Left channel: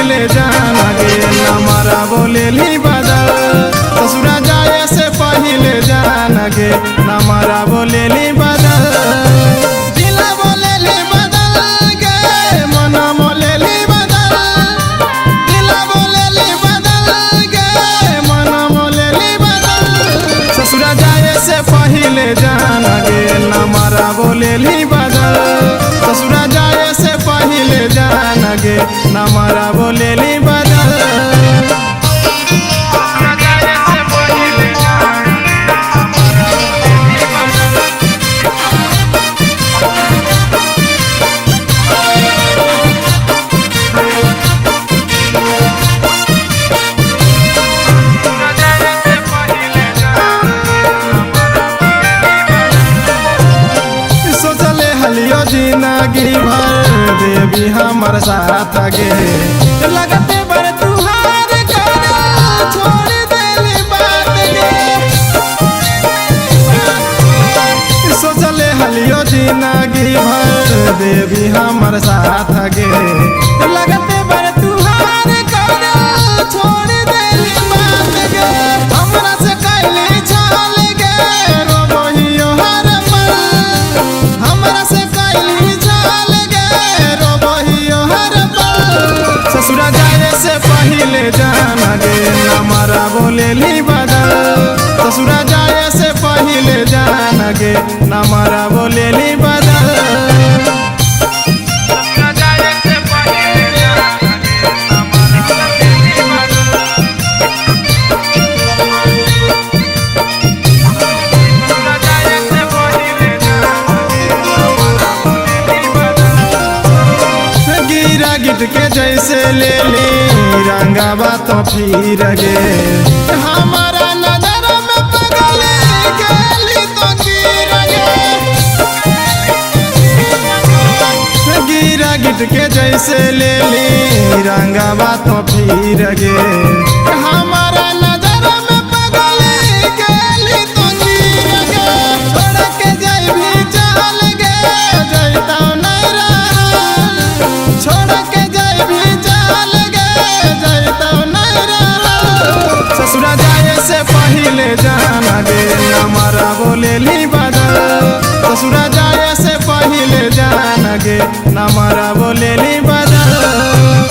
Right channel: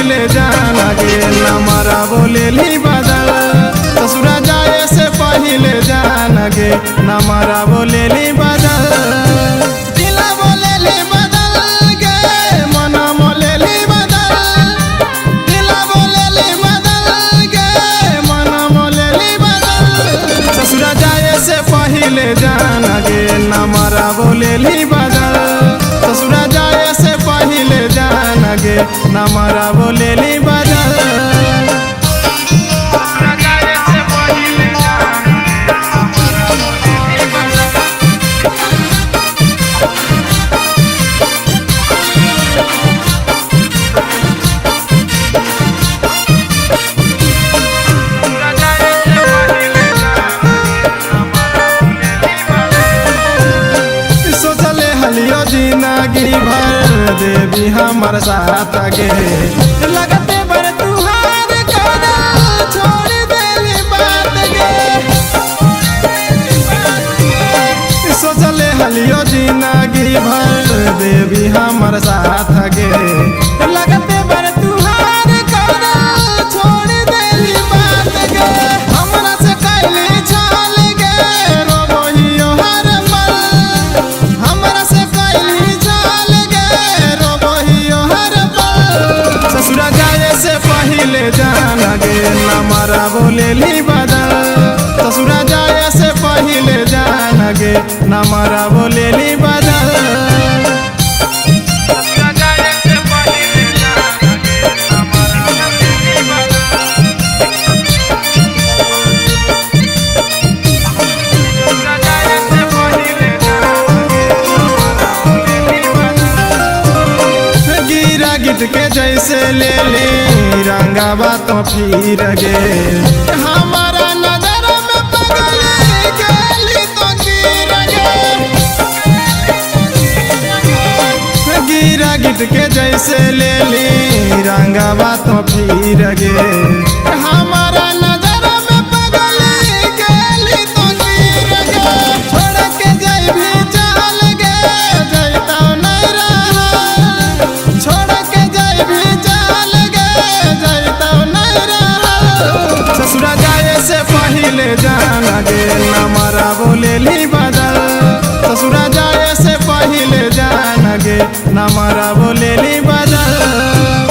पहिले जान गे नमरा बोलेली बदल ससुरा जाए से पहिले जान गे नमरा बोलेली बदल दिला बोलेली बदल गे मन बोलेली बदल दिला बोलेली बदल गे मन बोलेली बदल ससुरा जाए से पहिले जान गे नमरा बोलेली बदल ससुरा जाए से पहिले जान गे नमरा बोलेली बदल सोचले हलियो जिंदगी भर देवी हमर साथ गे लगते बर तुहार कर छोड़ देली बात गे सोचले हलियो जिंदगी भर देवी हमर साथ गे लगते बर तुहार कर छोड़ देली बात गे हमरा से कैली छाल गे रोबहियो हर पल हमरा से कैली छाल गे रोबहियो हर पल ससुरा जाए से पहिले जान गे नमरा बोलेली बदल ससुरा जाए से पहिले जान गे नमरा बोलेली बदल गिरा गिट के जैसे ले ली रंगावा तो फिर गे हमारा नजर में पगल गेली तो गिर गे गिरा गिट के जैसे ले ली रंगावा तो फिर गे हमारा नजर में पगल गेली तो गिर गे छोड़ के जाई भी चल गे जैता नहीं रहा छोड़ के जाई भी चल गे जैता नहीं रहा ससुरा जाए से पहिले जान गे नमरा बोलेली बदल ससुरा जाए से पहिले जान गे नमरा बोलेली बदल